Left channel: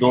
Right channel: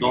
2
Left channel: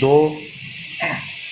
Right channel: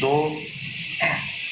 2